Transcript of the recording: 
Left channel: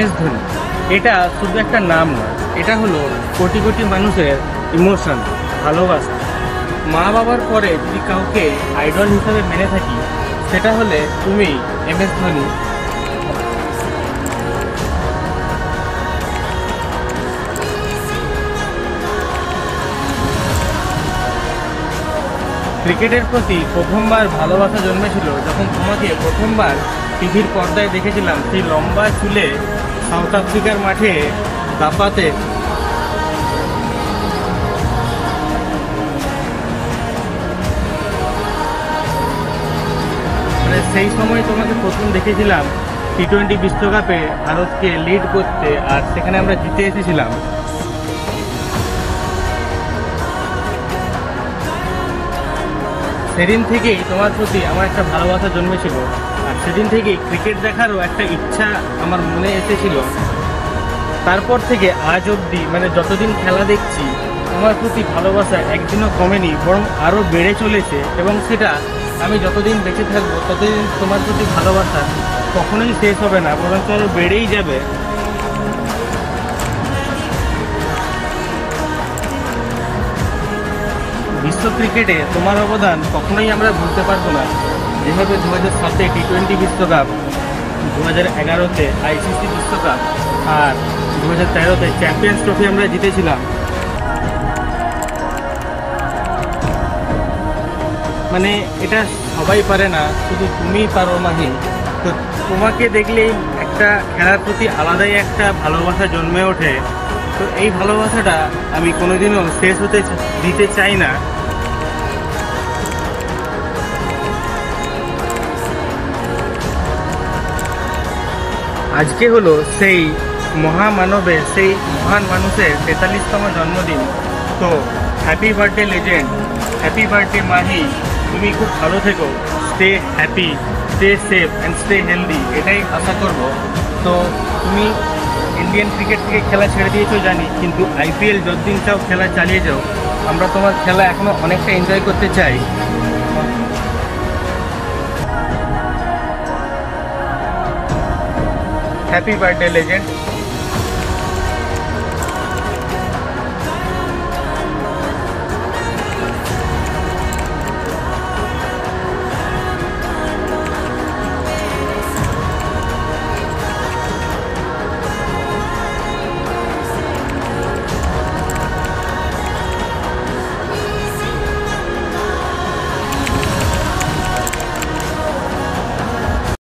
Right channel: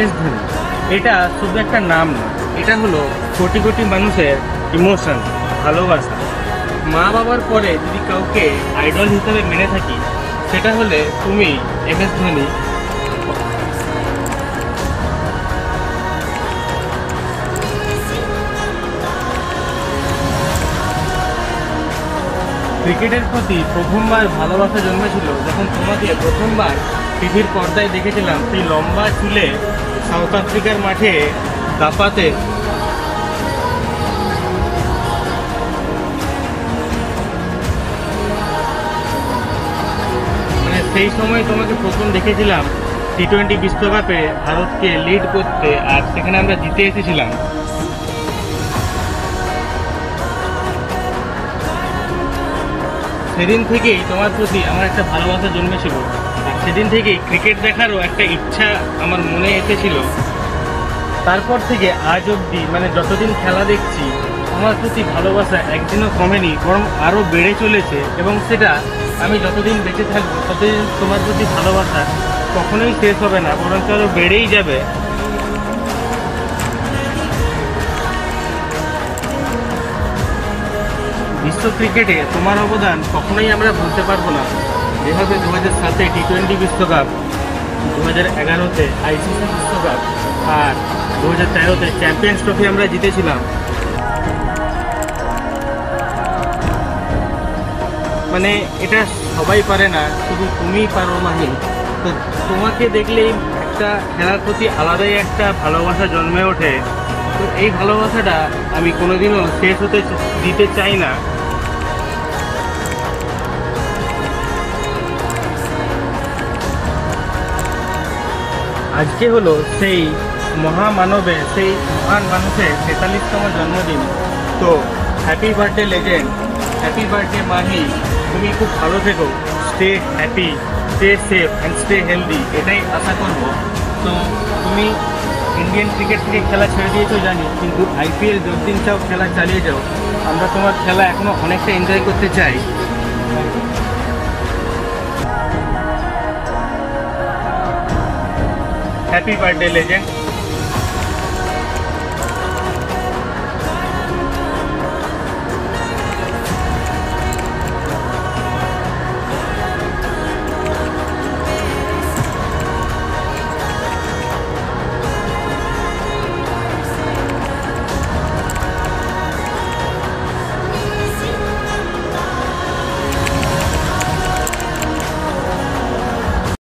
MS Dhoni এটা শুধু একটা নাম না, এটা হলো কোটি কোটি মানুষের ইমোশন, ভালোবাসা। মা বাবার পরে যদি কাউকে আইডল হিসাবে মেনে থাকি সেটা হলে তুমি, MS ধোনি। ক্রিকেটের প্রতি প্রথমবার ভালোবাসা জন্মেছিল যখন তোমাকে প্রথমবার টিভির পর্দায় দেখেছিলাম সেই লম্বা চুলে সাউথ আফ্রিকার মাঠে দাপাতে। সেই সময় তোমাকে প্রথম দেখেছিলাম T20 বিশ্বকাপে ভারতকে লিড করতে, আর সেখানে আমরা জিতে এসেছিলাম। সেদিন থেকেই তোমার প্রতি আমার একটা ভালোবাসা জন্মেছিল, আর সেদিন থেকেই ক্রিকেট দেখারও একটা ইচ্ছা আমার মনে এসেছিল। তারপর থেকে আজ অবধি মানে যতদিন খেলা দেখছি তোমার প্রতি ভালোবাসা একদিনও কমেনি, বরং আরও বেড়ে চলেছে। এবং সেটা আমি যতদিন বেঁচে থাকবো ততদিন তোমার প্রতি ভালোবাসা কখনোই শেষ হবে না, বরং আরও বেড়েই যাবে। বিশ্ব ক্রিকেটে তোমার অবদান কখনোই আমরা ভুলতে পারবো না। যেভাবে 2007-এ T20 বিশ্বকাপ, 2011-তে ICC বিশ্বকাপ, আর 2013-তে চ্যাম্পিয়ন্স ট্রফি আমরা জিতেছিলাম। মানে এটা সবাই পারে না, শুধু তুমিই পারো মাহি। তো তোমাকে দেখলেই একটা খেলার প্রতি আলাদাই একটা ভালোবাসা জন্মে ওঠে। তো এই ভালোবাসাটা আমি কোনোদিনও শেষ হতে দিতে চাই না। আজকে হলো সেই মহামানবের, সেই মহান মানুষের 43তম জন্মদিন। তো happy birthday legend, happy birthday Mahi. তুমি খুব ভালো থেকো, stay happy, stay safe and stay healthy, এটাই আশা করব। তো তুমি ইন্ডিয়ান ক্রিকেট থেকে খেলা ছেড়ে দিয়েছো জানি, কিন্তু IPL যতদিন চাও খেলা চালিয়ে যাও। আমরা তোমার খেলা এখনো অনেকটা এনজয় করতে চাই। Happy birthday legend.